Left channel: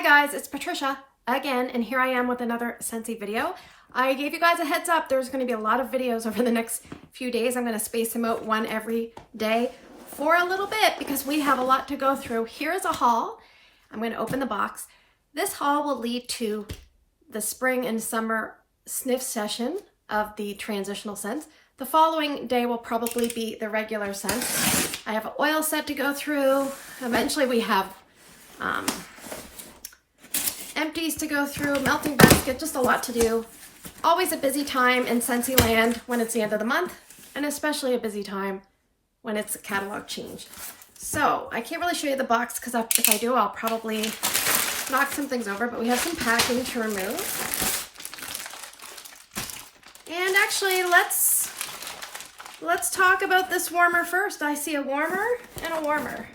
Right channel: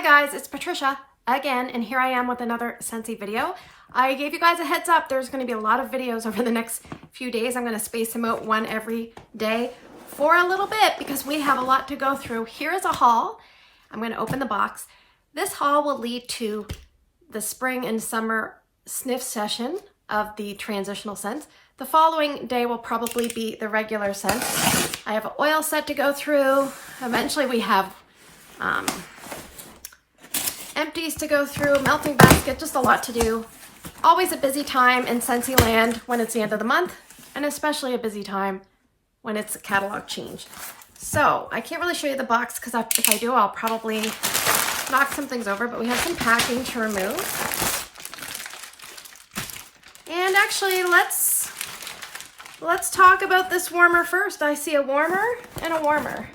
Hi guys, it's Patricia again, and here I am with another Scentsy video. I gave you guys a heads up. There's going to be a lot of videos over the next few days. I'm going to space them out one every day for a little bit because we have a lot to go through. Here's a haul. I'm going to open the box. This haul will lead to the spring and summer sniff session of the transitional scents. The following day will probably be the regular scents. I have an oil set to go through. Eventually we have empties to go through, melting basket, just a lot to do. Always a busy time in Scentsy land when it's the end of the month, and especially a busy time when it's a catalog change. So I can't really show you the box because if I do, I'll probably knock some things over, but we have some packing to remove. And actually, let's talk about this warmer first. I see a warmer and a warmer.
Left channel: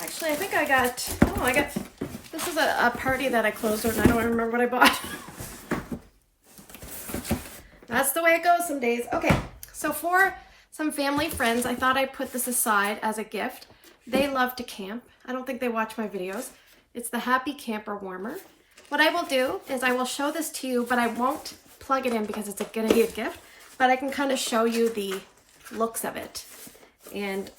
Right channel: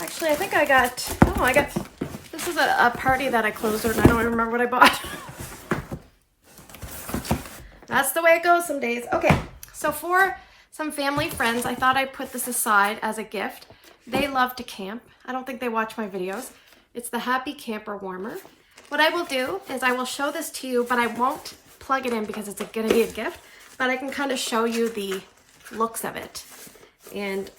Actually, I think this is a party that I closed out and I don't even remember what I bought. That's the way it goes some days. Okay, so for some family friends, I thought I'd put this aside as a gift. They love to camp. I don't think they watch my videos. It's the Happy Camper Warmer. What I will do is I will show this to you, but I won't plug it in because it's going to be a gift, but I can kind of show you the looks of it. And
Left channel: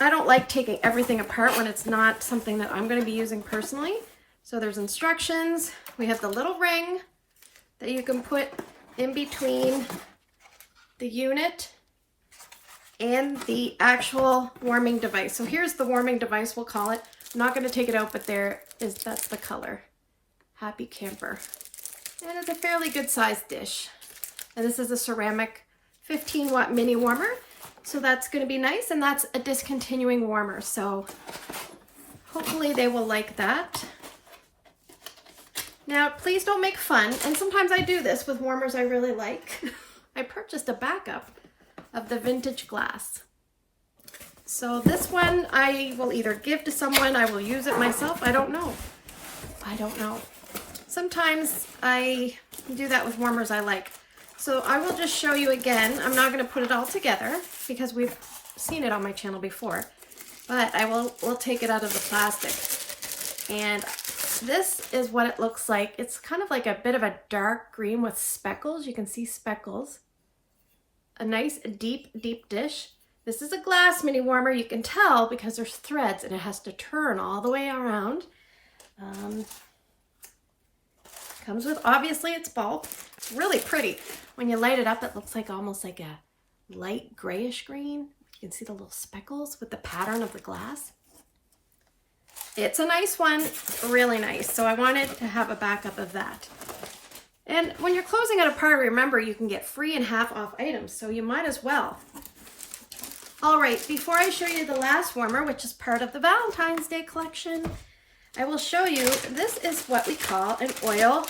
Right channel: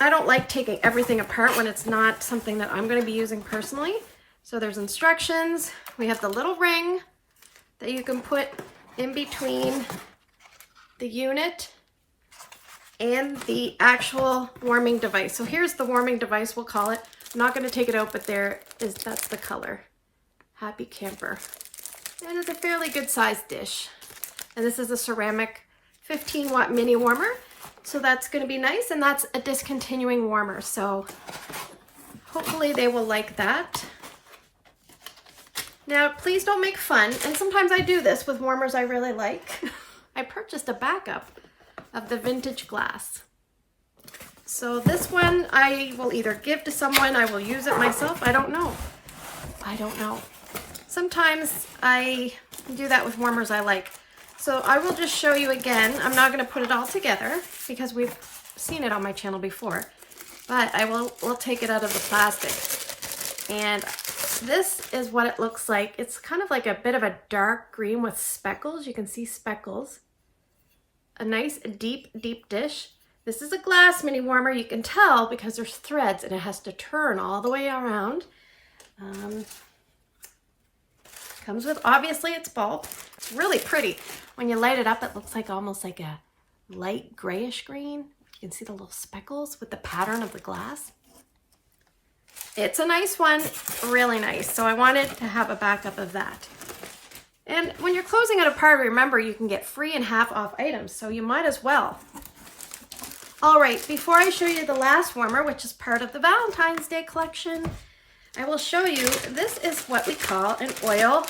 I don't like taking everything apart when it's not something that I'm going to be using personally. So there's instructions. We have the little ring that you can put in between the unit and the actual warming device. So here's the warming device, we'll call it. I'm not going to take it out, but that's the color. Happy Camper. And it's a fairly good sized dish. And this is a ceramic 15-watt mini warmer. So that's going to be nice, and that's a discontinuing warmer. So hopefully they will like that. Now, please don't make fun. And sometimes I do this with warmers I really like. I purchased a backup of the vintage glass. So this one I will either give to someone, I will use it myself. I don't know. Sometimes I do that with warmers I like. So I will just show you again. I'm not going to put it all together because we've seen it on my channel before, but we'll take it out of the plastic. And this is what it looks like. It's kind of like a bit of a dark green with speckles. You can see speckles. A nice deep dish. This is a glass mini warmer. You can tell because there's threads and it has to turn all the way around. Comes with, obviously, its bulb. It's really pretty. When you light it up, it looks like almost like a light grayish green. You can see the little speckles with the pattern of the glass. It's a nice one, really nice. So I wanted to have a backup of that. And when you're closing out a party, remember you can get free and half off items, so you might as well. All right, before I show you the last warmer, which is part of the Valentine's Day collection, I will show you, this is what we call an oil.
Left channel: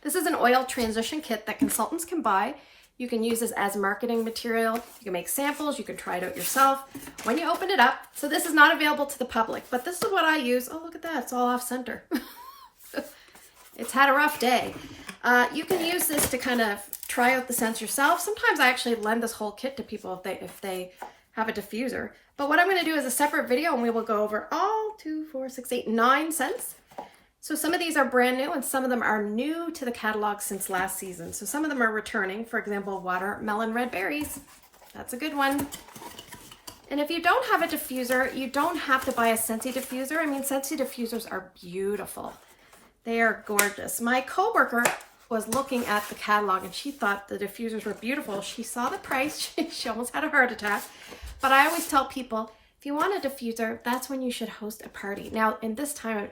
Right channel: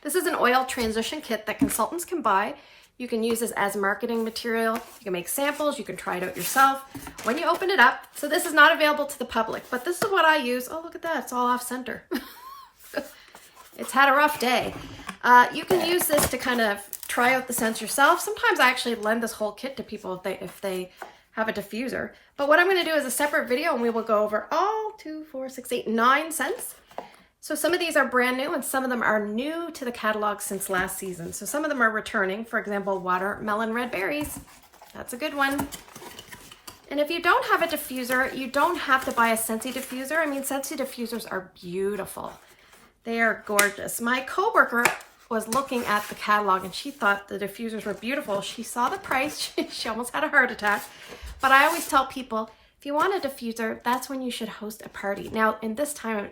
This is an oil transition kit that consultants can buy. You can use this as marketing material. You can make samples. You can try it out yourself. When you open it up, so this is not available to the public, but this is what I use. Oh, look at that. It's all off center. It's had a rough day. You can use this to kind of try out the scents yourself. Sometimes I actually lend this whole kit to people if they have a diffuser. But what I'm going to do is a separate video and we will go over all 2, 4, 6, 8, 9 scents. So some of these are brand new and some of them are new to the catalog since last season. So some of them are returning. For example, watermelon red berries. That's a good one. And if you don't have a diffuser, you don't have to buy a Scentsy diffuser. I mean, Scentsy diffusers are beautiful. They are gorgeous. My coworker was looking at the catalog and she thought the diffusers were beautiful. She saw the price. She almost had a heart attack. But I always tell people, if you want a diffuser, that's when you should host a party. Now, in this time,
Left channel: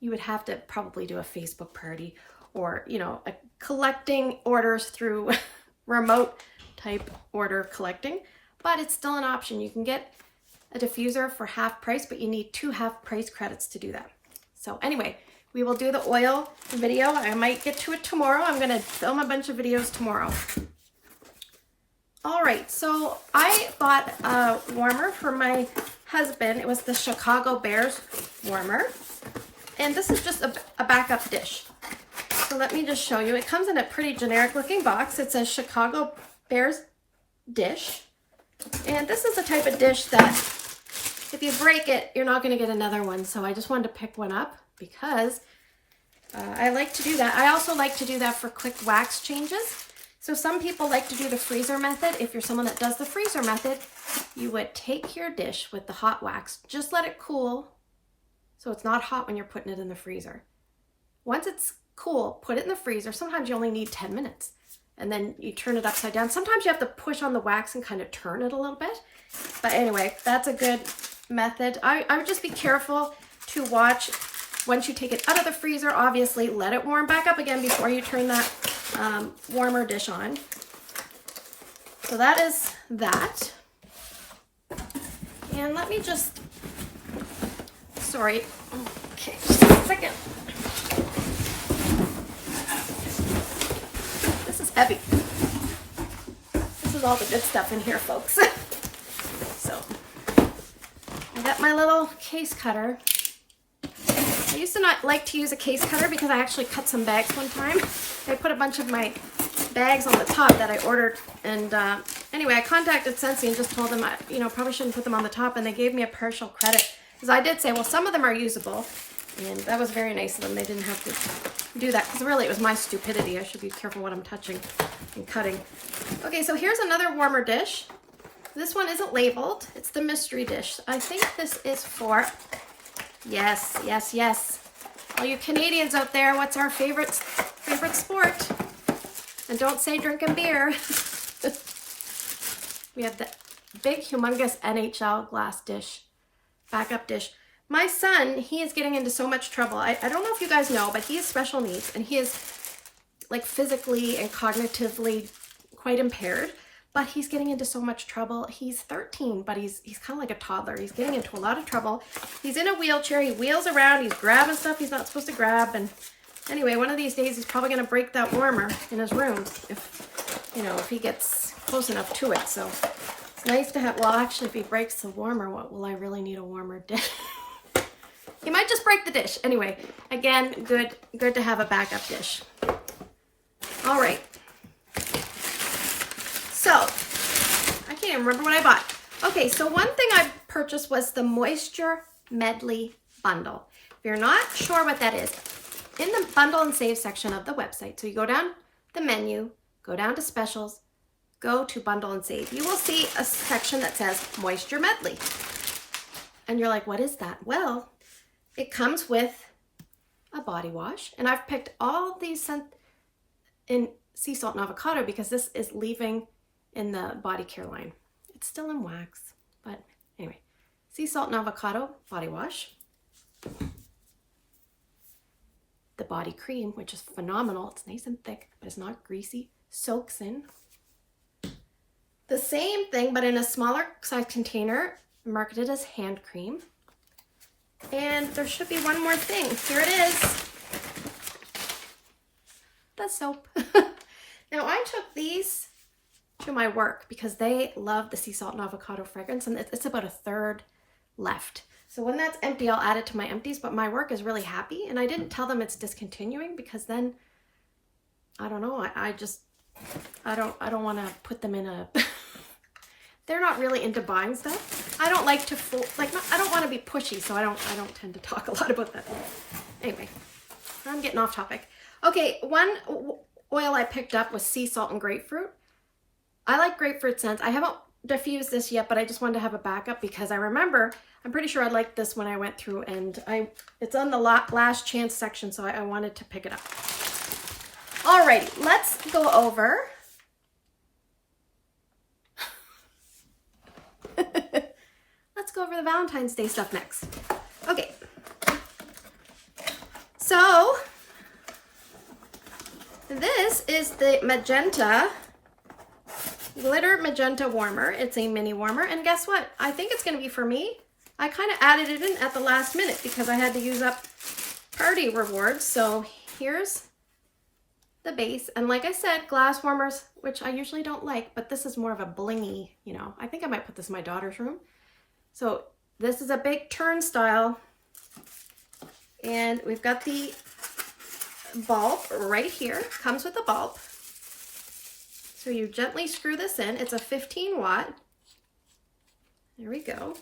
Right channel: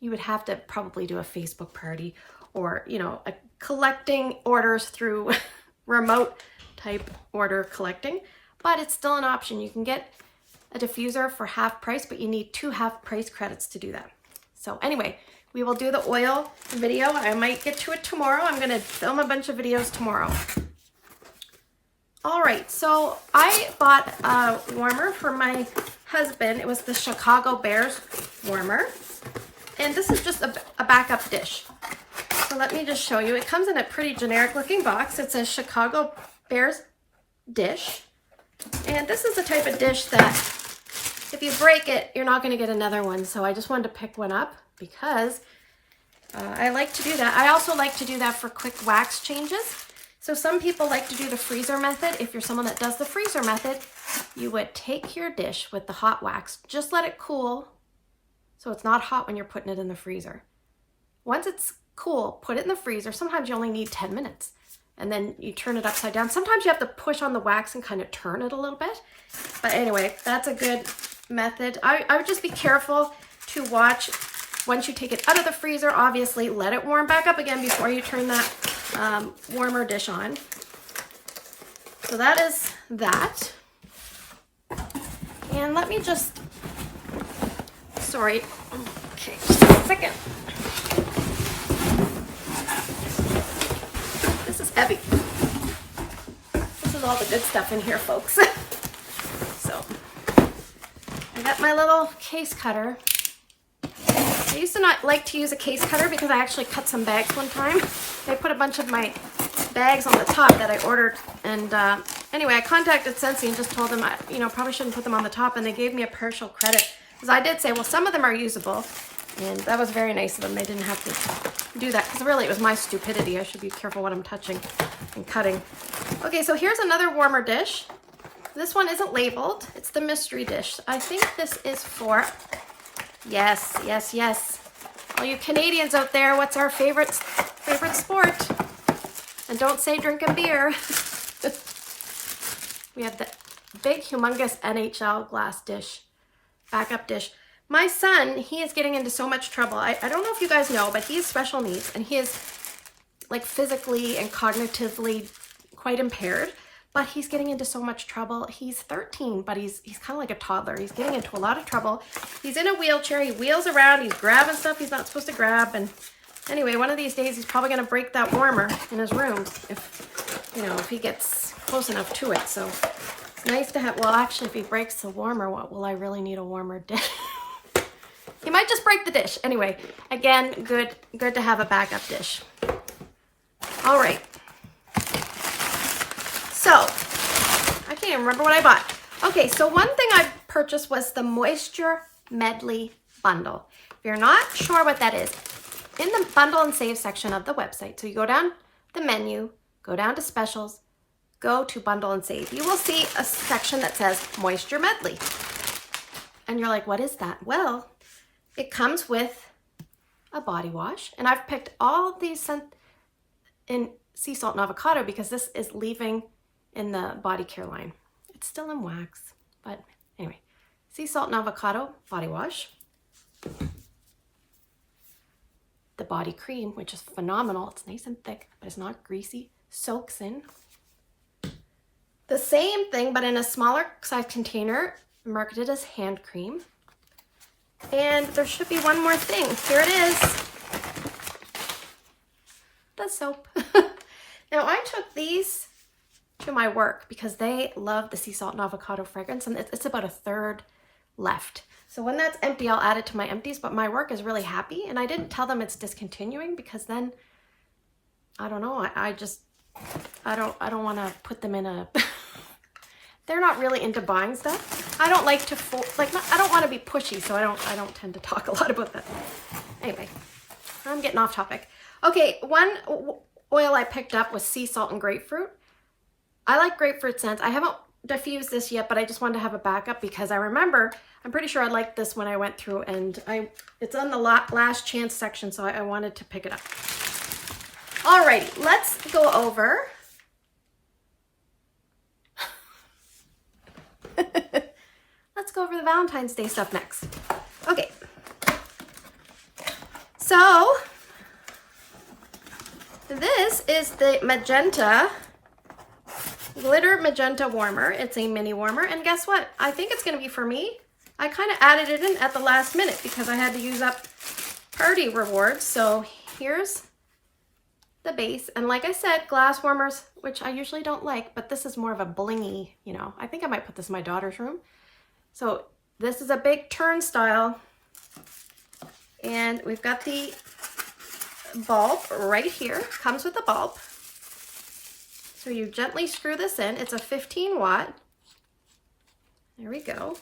you would have to probably do a Facebook party or, collecting orders through remote type order collecting. But it's still an option. You can get a diffuser for half price, but you need 2 half price credits to do that. So anyway, we will do the oil video. I might get to it tomorrow. I'm going to film a bunch of videos tomorrow. All right, so I bought a warmer for my husband. It was the Chicago Bears warmer. And this is just a backup dish. So let me just show you. It comes in a pretty generic looking box. It says Chicago Bears dish. And this is the type of dish that if you break it, you're not going to get another one. So I just wanted to pick one up because I like to do that. I also like to do that for quick wax changes. So some people like to do the freezer method. If you're someone that does the freezer method, you would take your dish with the hot wax, just let it cool so it's not hot when you're putting it in the freezer. Once it's cool, put it in the freezer. Sometimes you only need 10 minutes. And then you turn it upside down. Sometimes you have to push on the wax and kind of turn it a little bit. But anyway, that's a good method. I would just be careful to watch once you take it out of the freezer. Obviously, let it warm back up again before you turn that warmer dish on. So that is that. And let me just, sorry, okay, just a second. Heavy. This is all the good stuff in here, folks. So I got my little case cutter. I used to not like to use a case cutter because I actually cut some bags one time. I put a bunch of my bags on the top that I ordered, and anyway, I contacted Scentsy and just told them I, probably shouldn't put them on the top, and they gave me a partial credit because I did say, well, some of them are usable. And that was very nice of them. They didn't have to do that because really it was my stupidity. I should be careful what I'm touching and cutting. Okay, so here's another warmer dish. This one isn't labeled. It's the mystery dish. I think this is for, yes. All you Canadians out there, what's our favorite sport? And don't say drinking beer. We have the big, humongous NHL glass dish, backup dish. My son, he is getting into so much trouble. I don't know if you guys know, but he has special needs, and he is like physically and cognitively quite impaired, but he's getting into so much trouble. He's 13, but he's kind of like a toddler. He's getting into a lot of trouble. He's in a wheelchair. He wheels around. He's grabbing stuff he's not supposed to grab. And anyway, one of these days, he's probably going to break that warmer in his room if he gets close enough to it. So it's nice to have, well, actually, if he breaks the warmer, what will I really need a warmer dish? He might just break the dish. Anyway, again, good to have a backup dish. All right. So, I can't even remember what I bought. Okay, so one thing I purchased was the Moisture Medley Bundle. If you're not sure what that is, in the bundle and save section of the website, so you go down the menu, go down to specials, go to bundle and save, you will see a section that says Moisture Medley. And you're like, what is that? Well, it comes with a body wash, and I've picked all these scents in sea salt and avocado because this is leaving in the body care line. It's still in wax, but anyway, sea salt and avocado body wash. The body cream, which is phenomenal. It's nice and thick, but it's not greasy. Soaks in. The same thing, but in a smaller size container, marketed as hand cream. And there should be one more thing. Here it is. The soap. Now, I took these to my work because they love the sea salt and avocado fragrance, and it's about a third left. So when that's empty, I'll add it to my empties, but my work is really happy, and I didn't tell them it's discontinuing because then, I don't know, I don't want to put them in a... They're not really into buying stuff. I don't like to, I don't want to be pushy, so I don't tend to talk a lot about that. Anyway, I'm getting off topic. Okay, one oil I picked up was sea salt and grapefruit. I like grapefruit scents. I haven't diffused this yet, but I just wanted to have a backup because I remember, I'm pretty sure I liked this when I went through, and it's on the last chance section, so I wanted to pick it up. Alrighty, let's go over let's go over the Valentine's Day stuff next. Okay. So, this is the magenta, glitter magenta warmer. It's a mini warmer, and guess what? I think it's going to be for me. I kind of added it in at the last minute because I had to use up party rewards. So here's the base, and like I said, glass warmers, which I usually don't like, but this is more of a blingy, I think I might put this in my daughter's room. So this is a big turnstile, and we've got the bulb right here. Comes with the bulb. So you gently screw this in. It's a 15 watt. There we go.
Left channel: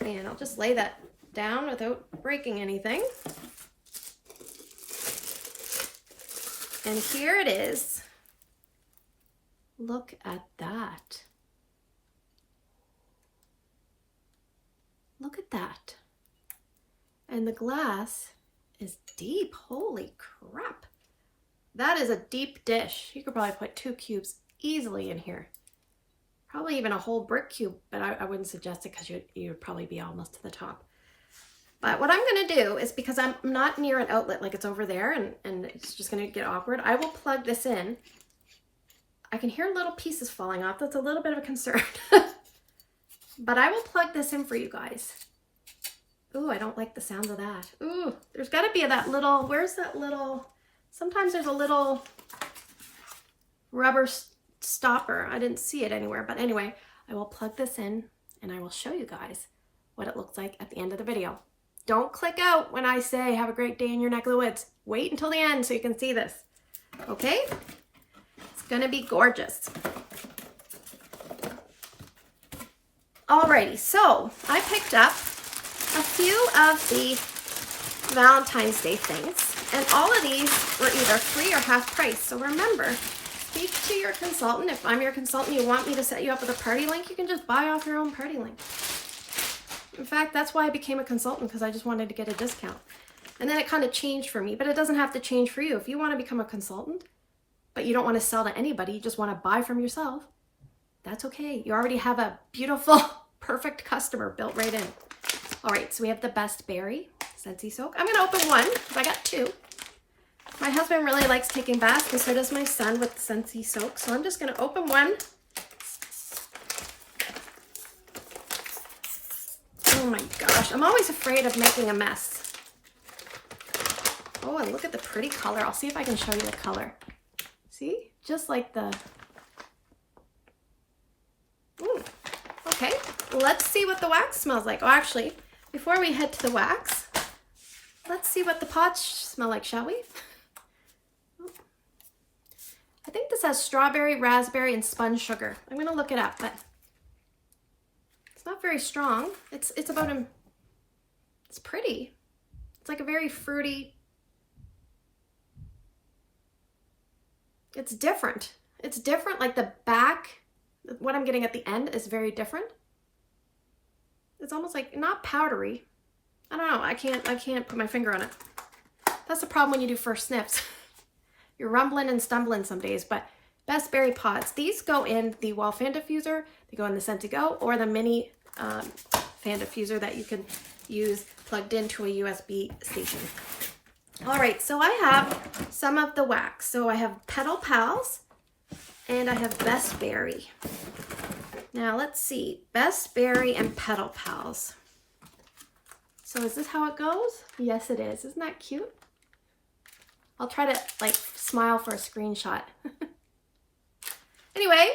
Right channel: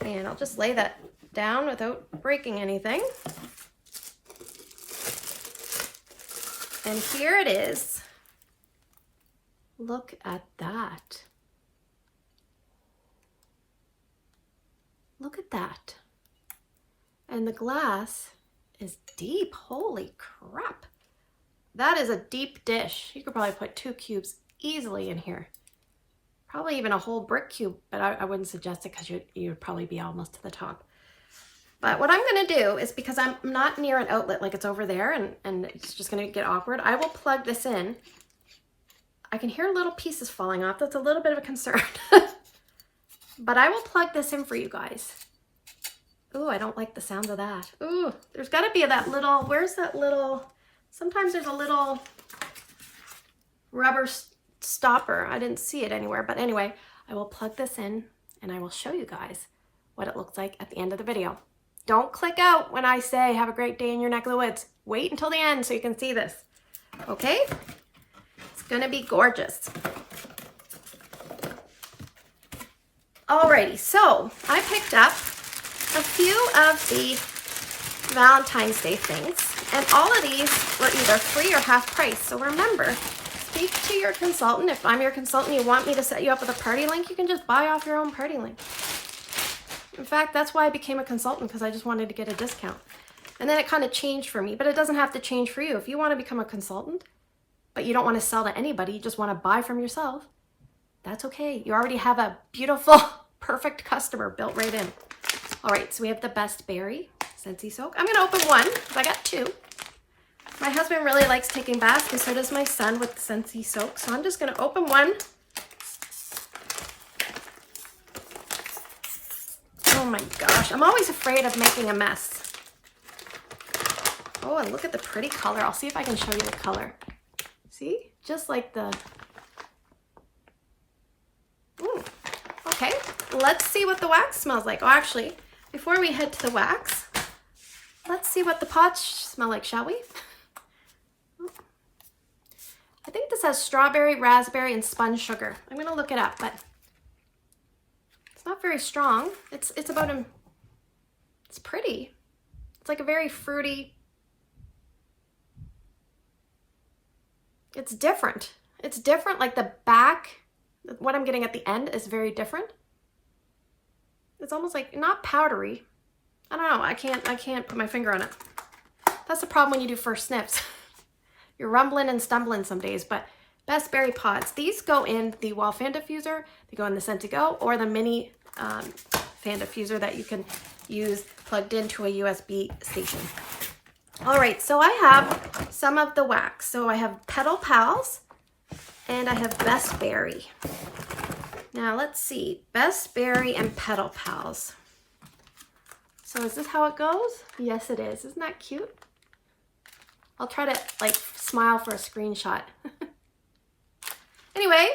And I'll just lay that down without breaking anything. And here it is. Look at that. Look at that. And the glass is deep. Holy crap. That is a deep dish. You could probably put 2 cubes easily in here. Probably even a whole brick cube, but I wouldn't suggest it because you would probably be almost to the top. But what I'm going to do is, because I'm not near an outlet, like it's over there and it's just going to get awkward, I will plug this in. I can hear little pieces falling off. That's a little bit of a concern. But I will plug this in for you guys. Ooh, I don't like the sound of that. Ooh, there's got to be that little, where's that little, sometimes there's a little rubber stopper. I didn't see it anywhere, but anyway, I will plug this in and I will show you guys what it looks like at the end of the video. Don't click out when I say have a great day in your neck of the woods. Wait until the end so you can see this. Okay? It's gonna be gorgeous. Alrighty, so I picked up a few of the Valentine's Day things, and all of these were either free or half price. So remember, speak to your consultant. If I'm your consultant, you want me to set you up with a party link, you can just buy off your own party link. In fact, that's why I became a consultant, because I just wanted to get a discount. And then it kind of changed for me, but it doesn't have to change for you. If you want to become a consultant, but you don't want to sell to anybody, you just want to buy from yourself, that's okay. You already have a beautiful, perfect customer built right in. All right, so we have the Best Berry Scentsy soak. I'm going to open one, because I got 2. My husband really likes taking baths, and so does my son with Scentsy soak. So I'm just going to open one. Oh my gosh, I'm always afraid of making a mess. Oh, and look at the pretty color. I'll see if I can show you the color. See? Just like the... Ooh. Okay, let's see what the wax smells like. Oh, actually, before we head to the wax, let's see what the pots smell like, shall we? I think this has strawberry, raspberry, and spun sugar. I'm going to look it up, but it's not very strong. It's about a... It's pretty. It's like a very fruity... It's different. It's different, like the back, what I'm getting at the end is very different. It's almost like, not powdery. I don't know, I can't put my finger on it. That's the problem when you do first sniffs. You're rumbling and stumbling some days, but Best Berry pots. These go in the wall fan diffuser, they go in the Scentsy Go, or the mini fan diffuser that you can use plugged into a USB station. All right, so I have some of the wax. So I have Petal Pals and I have Best Berry. Now let's see, Best Berry and Petal Pals. So is this how it goes? Yes, it is. Isn't that cute? I'll try to like smile for a screenshot. Anyway,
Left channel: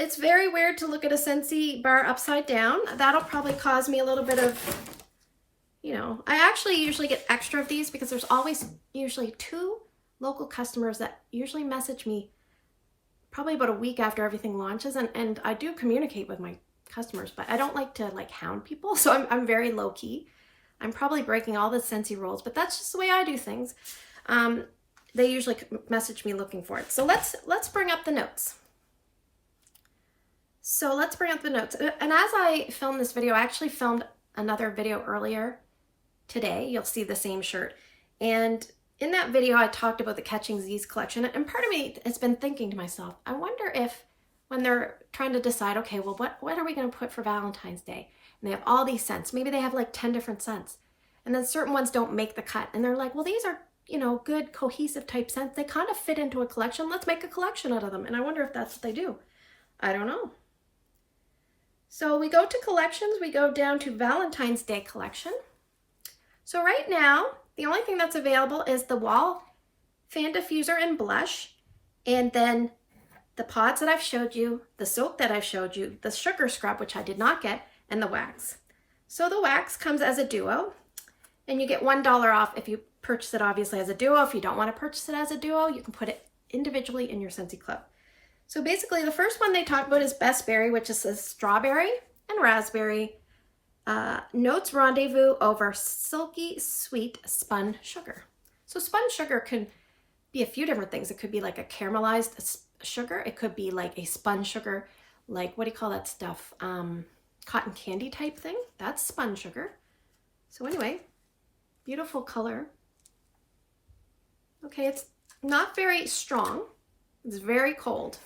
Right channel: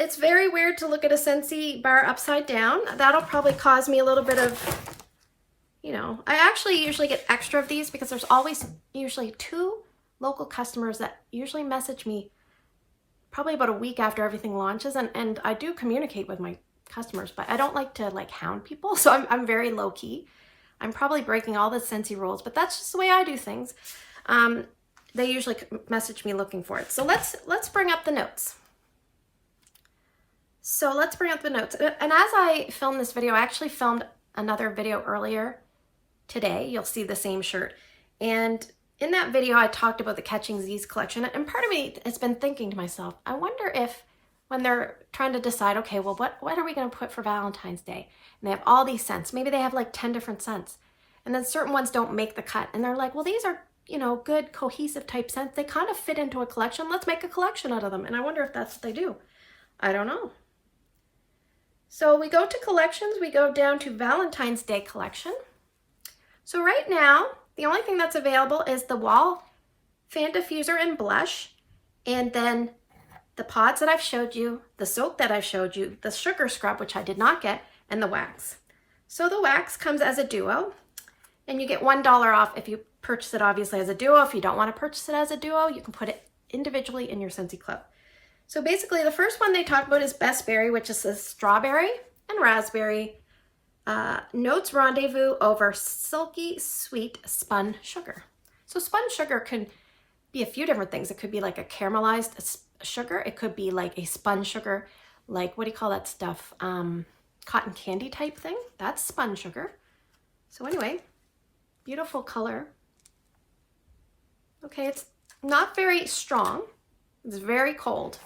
it's very weird to look at a Scentsy bar upside down. That'll probably cause me a little bit of, you know, I actually usually get extra of these because there's always usually 2 local customers that usually message me probably about a week after everything launches. And I do communicate with my customers, but I don't like to like hound people. So I'm very low key. I'm probably breaking all the Scentsy rules, but that's just the way I do things. They usually message me looking for it. So let's bring up the notes. So let's bring up the notes. And as I filmed this video, I actually filmed another video earlier today. You'll see the same shirt. And in that video, I talked about the Catching Z's collection. And part of me has been thinking to myself, I wonder if when they're trying to decide, okay, well, what are we going to put for Valentine's Day? And they have all these scents. Maybe they have like 10 different scents. And then certain ones don't make the cut. And they're like, well, these are, you know, good cohesive type scents. They kind of fit into a collection. Let's make a collection out of them. And I wonder if that's what they do. I don't know. So we go to collections. We go down to Valentine's Day collection. So right now, the only thing that's available is the wall fan diffuser and blush. And then the pods that I've showed you, the soap that I've showed you, the sugar scrub, which I did not get, and the wax. So the wax comes as a duo, and you get $1 off if you purchase it obviously as a duo. If you don't want to purchase it as a duo, you can put it individually in your Scentsy Club. So basically the first one they talk about is Best Berry, which is the strawberry and raspberry. Notes rendezvous over silky sweet spun sugar. So spun sugar can be a few different things. It could be like a caramelized sugar. It could be like a spun sugar, like what do you call that stuff? Cotton candy type thing. That's spun sugar. So anyway, beautiful color. Okay, it's not very strong. It's very cold.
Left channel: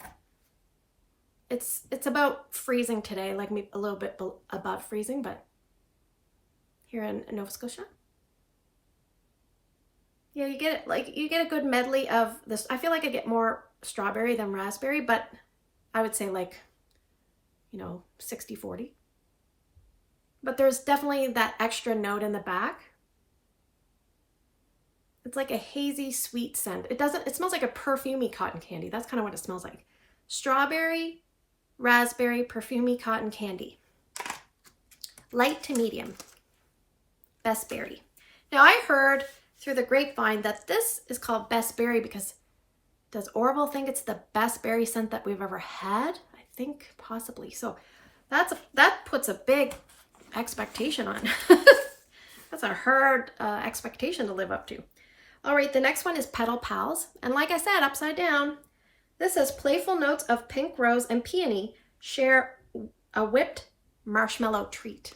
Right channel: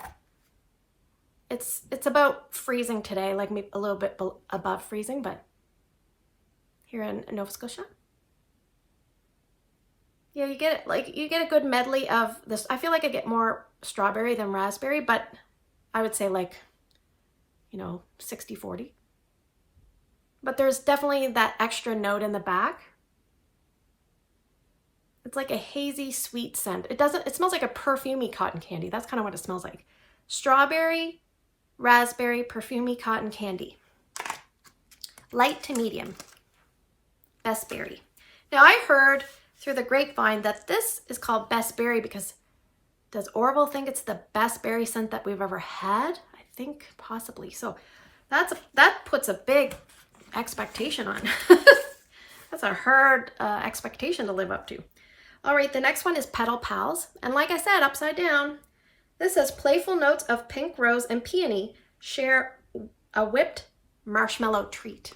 It's about freezing today, like maybe a little bit above freezing, but here in Nova Scotia. Yeah, you get a good medley of this. I feel like I get more strawberry than raspberry, but I would say like, 60-40. But there's definitely that extra note in the back. It's like a hazy, sweet scent. It smells like a perfumey cotton candy. That's kind of what it smells like. Strawberry, raspberry, perfumey cotton candy. Light to medium. Best Berry. Now I heard through the grapevine that this is called Best Berry because does Orville think it's the best berry scent that we've ever had? I think possibly. So that puts a big expectation on. That's a hard expectation to live up to. All right, the next one is Petal Pals. And like I said, upside down, this says playful notes of pink rose and peony share a whipped marshmallow treat.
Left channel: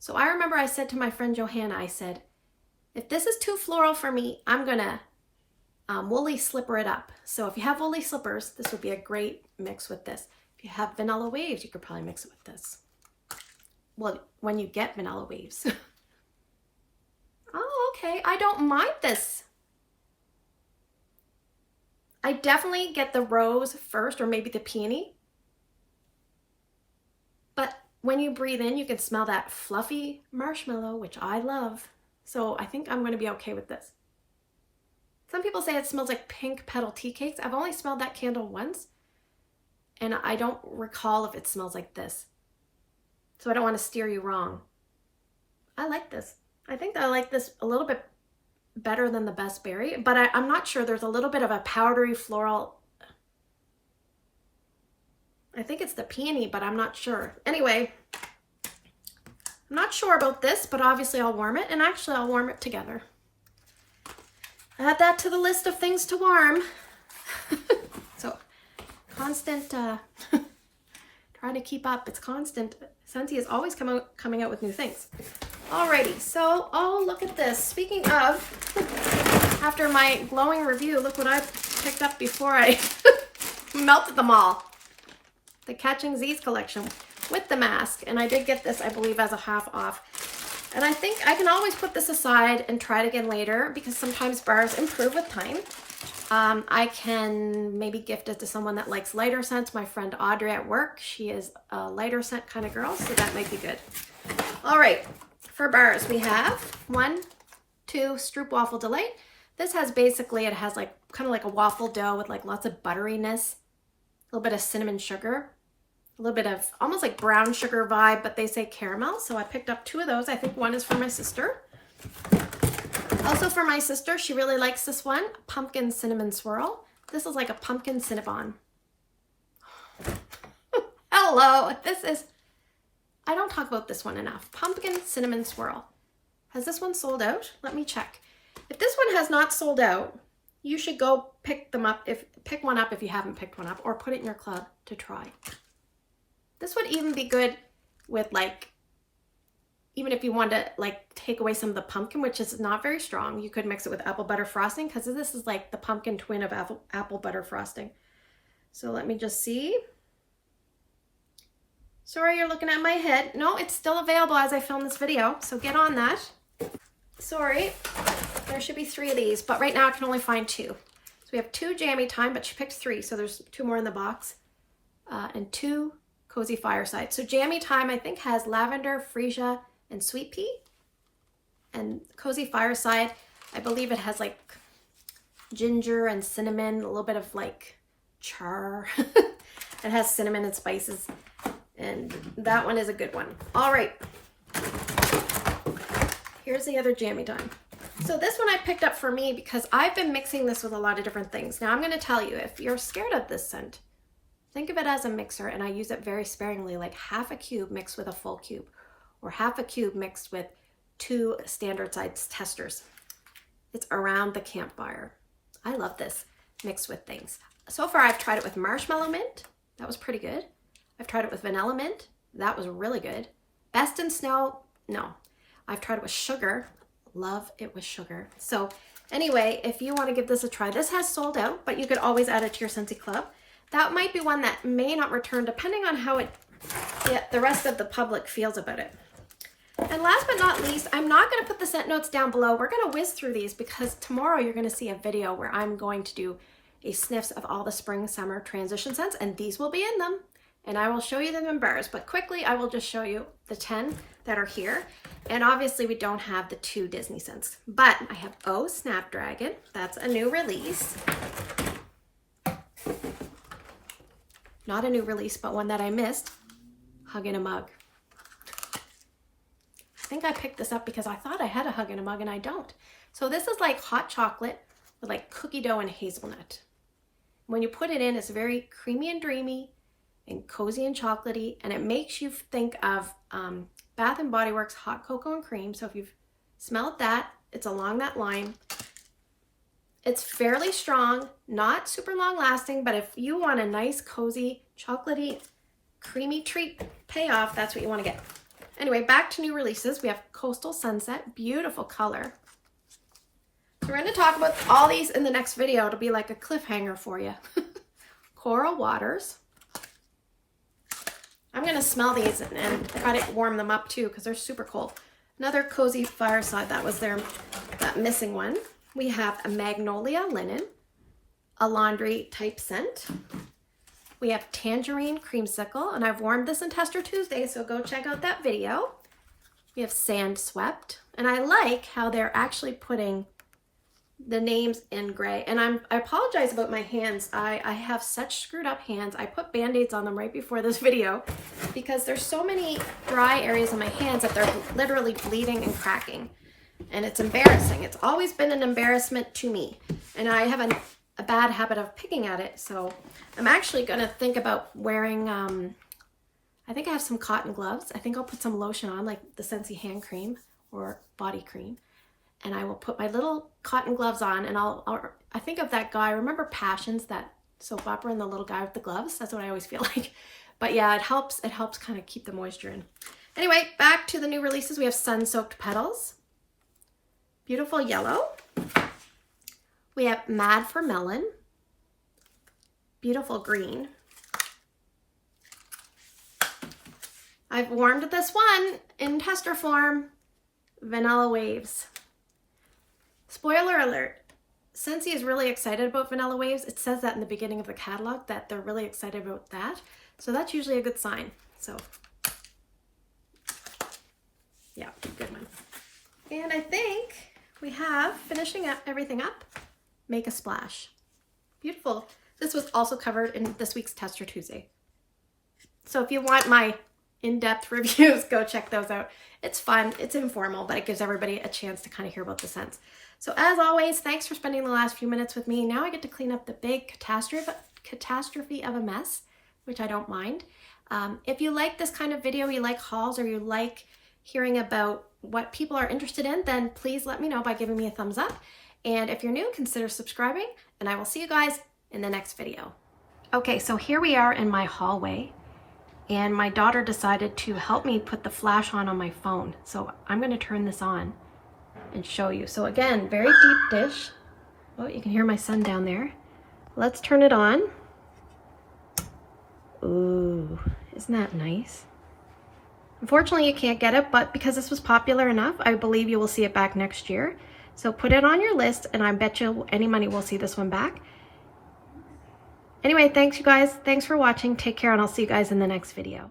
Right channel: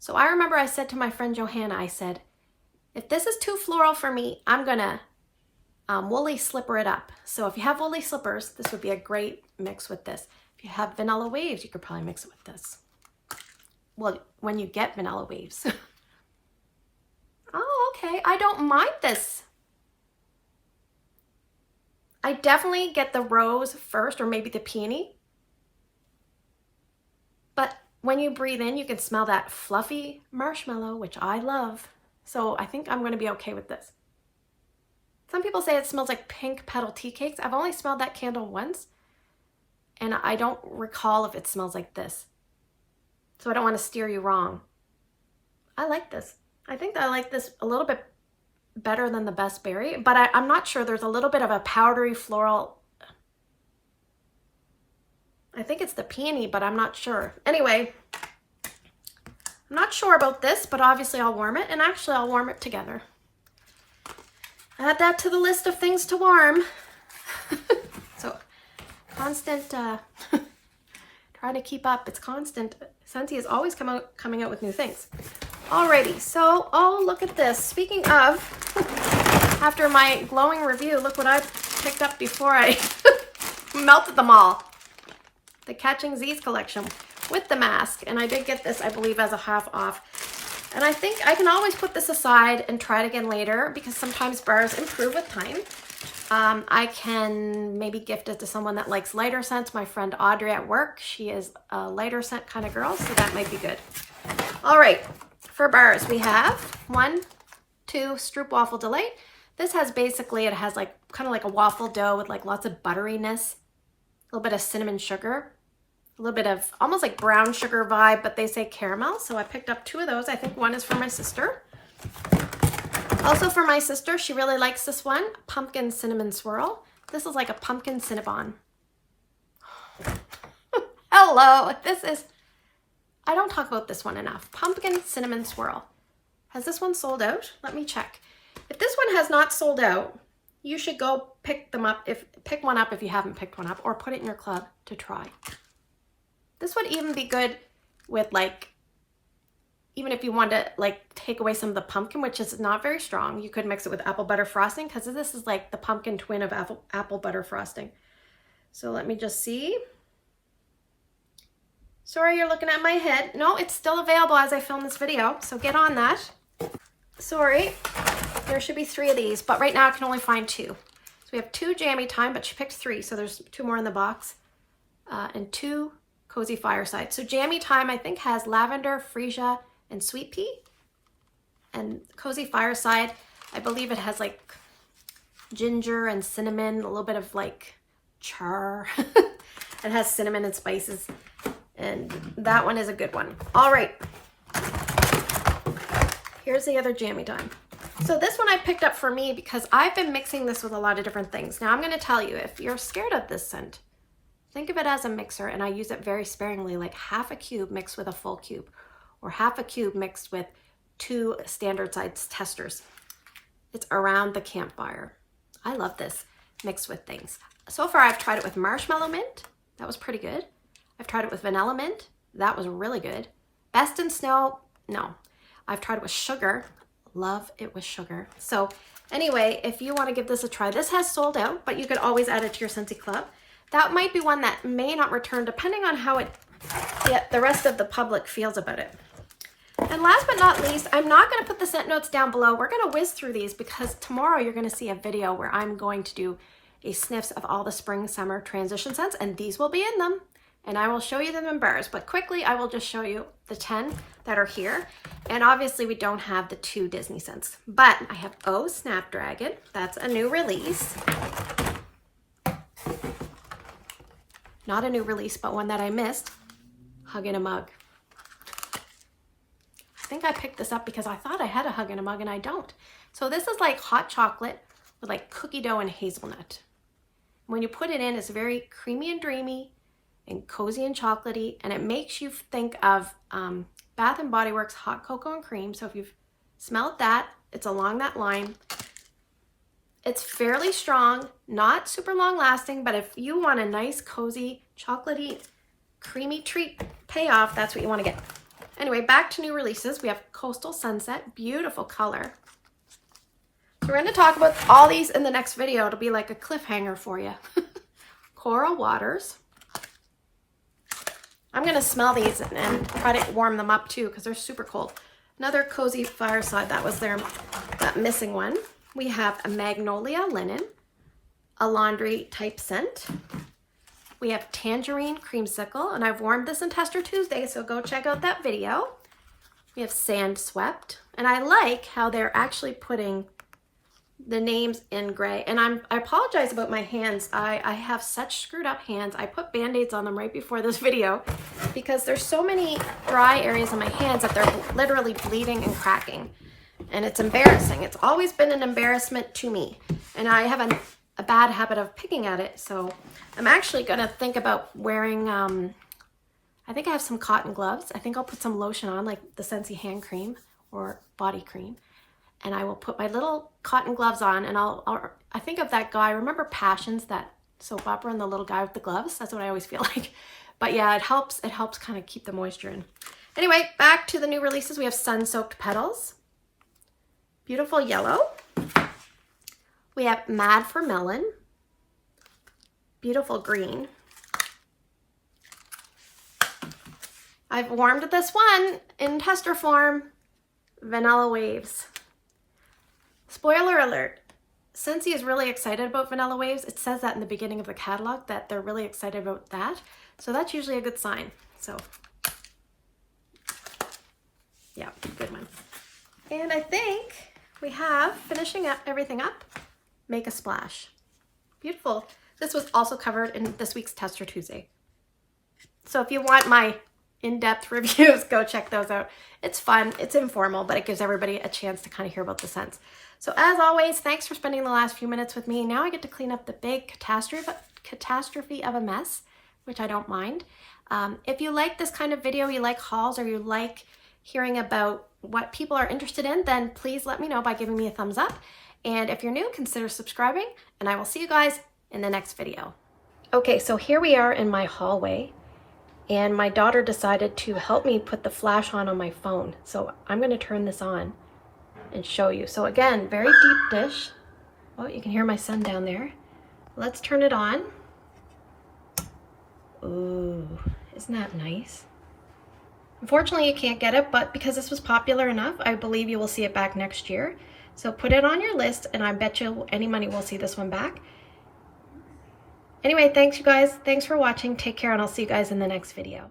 So I remember I said to my friend Johanna, I said, if this is too floral for me, I'm gonna woolly slipper it up. So if you have woolly slippers, this would be a great mix with this. If you have vanilla waves, you could probably mix it with this. Well, when you get vanilla waves. Oh, okay, I don't mind this. I definitely get the rose first, or maybe the peony. But when you breathe in, you can smell that fluffy marshmallow, which I love. So I think I'm going to be okay with this. Some people say it smells like pink petal tea cakes. I've only smelled that candle once, and I don't recall if it smells like this. So I don't want to steer you wrong. I like this. I think I like this a little bit better than the Best Berry, but I'm not sure. There's a little bit of a powdery floral. I think it's the peony, but I'm not sure. Anyway, I'm not sure about this, but obviously I'll warm it, and actually I'll warm it together. Add that to the list of things to warm. So constant, trying to keep up. It's constant. Scentsy is always coming out with new things. Alrighty, so oh, look at this. Speaking of, after my glowing review, look what I picked up before I melted them all. The Catching Z's collection with the mask, and I did get this, I believe, as a half off. And I think I can always put this aside and try it again later because sometimes bars improve with time. I can maybe gift it to someone that likes lighter scents. My friend Audrey at work, she is a lighter scent kind of girl, so that might be good. All right, for bars, we have 1, 2 Stroop Waffle Delight. This has basically, it has like kind of like a waffle dough with like lots of butteriness, a little bit of cinnamon sugar, a little bit of almost like brown sugar vibe, but they say caramel. So I picked up 2 of those. I think one is for my sister. Also for my sister, she really likes this one, Pumpkin Cinnamon Swirl. This is like a pumpkin Cinnabon. Hello, this is, I don't talk about this one enough. Pumpkin Cinnamon Swirl. Has this one sold out? Let me check. If this one has not sold out, you should go pick them up. Pick one up if you haven't picked one up, or put it in your club to try. This would even be good with like, even if you want to like take away some of the pumpkin, which is not very strong, you could mix it with apple butter frosting because this is like the pumpkin twin of apple butter frosting. So let me just see. Sorry, you're looking at my head. No, it's still available as I film this video, so get on that. Sorry, there should be 3 of these, but right now I can only find 2. So we have 2 Jammy Time, but she picked 3, so there's 2 more in the box, and 2 Cozy Fireside. So Jammy Time, I think, has lavender, freesia, and sweet pea. And Cozy Fireside, I believe it has like ginger and cinnamon, a little bit of like char. It has cinnamon and spices. And that one is a good one. All right. Here's the other Jammy Time. So this one I picked up for me because I've been mixing this with a lot of different things. Now I'm going to tell you, if you're scared of this scent, Think of it as a mixer, and I use it very sparingly, like half a cube mixed with a full cube, or half a cube mixed with 2 standard size testers. It's around the campfire. I love this mixed with things. So far, I've tried it with marshmallow mint. That was pretty good. I've tried it with vanilla mint. That was really good. Best in snow, no. I've tried it with sugar. Love it with sugar. So anyway, if you want to give this a try, this has sold out, but you could always add it to your Scentsy Club. That might be one that may not return depending on how the rest of the public feels about it. And last but not least, I'm not going to put the scent notes down below. We're going to whiz through these because tomorrow you're going to see a video where I'm going to do a sniffs of all the spring summer transition scents, and these will be in them. And I will show you them in bars, but quickly I will just show you the 10 that are here. And obviously we don't have the 2 Disney scents, but I have Oh Snapdragon. That's a new release. Not a new release, but one that I missed. Hug in a Mug. I think I picked this up because I thought I had a Hug in a Mug and I don't. So this is like hot chocolate with like cookie dough and hazelnut. When you put it in, it's very creamy and dreamy and cozy and chocolatey, and it makes you think of Bath & Body Works Hot Cocoa and Cream. So if you've smelled that, it's along that line. It's fairly strong, not super long lasting, but if you want a nice, cozy, chocolatey, creamy treat payoff, that's what you want to get. Anyway, back to new releases. We have Coastal Sunset, beautiful color. So we're going to talk about all these in the next video. It'll be like a cliffhanger for you. Coral Waters. I'm going to smell these and try to warm them up too because they're super cold. Another Cozy Fireside, that was that missing one. We have a Magnolia Linen, a laundry type scent. We have Tangerine Creamsicle, and I've warmed this in Tester Tuesday, so go check out that video. We have Sand Swept, and I like how they're actually putting the names in gray. And I apologize about my hands. I have such screwed up hands. I put Band-Aids on them right before this video because there's so many dry areas on my hands that they're literally bleeding and cracking. And it's embarrassing. It's always been an embarrassment to me. And I have a bad habit of picking at it. So I'm actually going to think about wearing, I think I have some cotton gloves. I think I'll put some lotion on, like the Scentsy hand cream or body cream. And I will put my little cotton gloves on, and I think of that guy. Remember Passions, that soap opera, and the little guy with the gloves? That's what I always feel like. But yeah, it helps kind of keep the moisture in. Anyway, back to the new releases. We have Sun Soaked Petals. Beautiful yellow. We have Mad for Melon. Beautiful green. I've warmed this one in tester form. Vanilla Waves. Spoiler alert, Scentsy is really excited about Vanilla Waves. It says that in the beginning of the catalog, that they're really excited about that. So that's usually a good sign. So yeah, good one. And I think we have, finishing up everything up, Make a Splash. Beautiful. This was also covered in this week's Tester Tuesday. So if you want my in-depth reviews, go check those out. It's fun, it's informal, but it gives everybody a chance to kind of hear about the scents. So as always, thanks for spending the last few minutes with me. Now I get to clean up the big catastrophe of a mess, which I don't mind. If you like this kind of video, you like hauls, or you like hearing about what people are interested in, then please let me know by giving me a thumbs up. And if you're new, consider subscribing, and I will see you guys in the next video. Okay, so here we are in my hallway, and my daughter decided to help me put the flash on my phone. So I'm gonna turn this on and show you. So again, very deep dish. Oh, you can hear my son down there. Let's turn it on. Ooh, isn't that nice? Unfortunately, you can't get it, but because this was popular enough, I believe you will see it back next year. So put it on your list, and I bet you any money will see this one back. Anyway, thanks you guys. Thanks for watching. Take care, and I'll see you guys in the next video.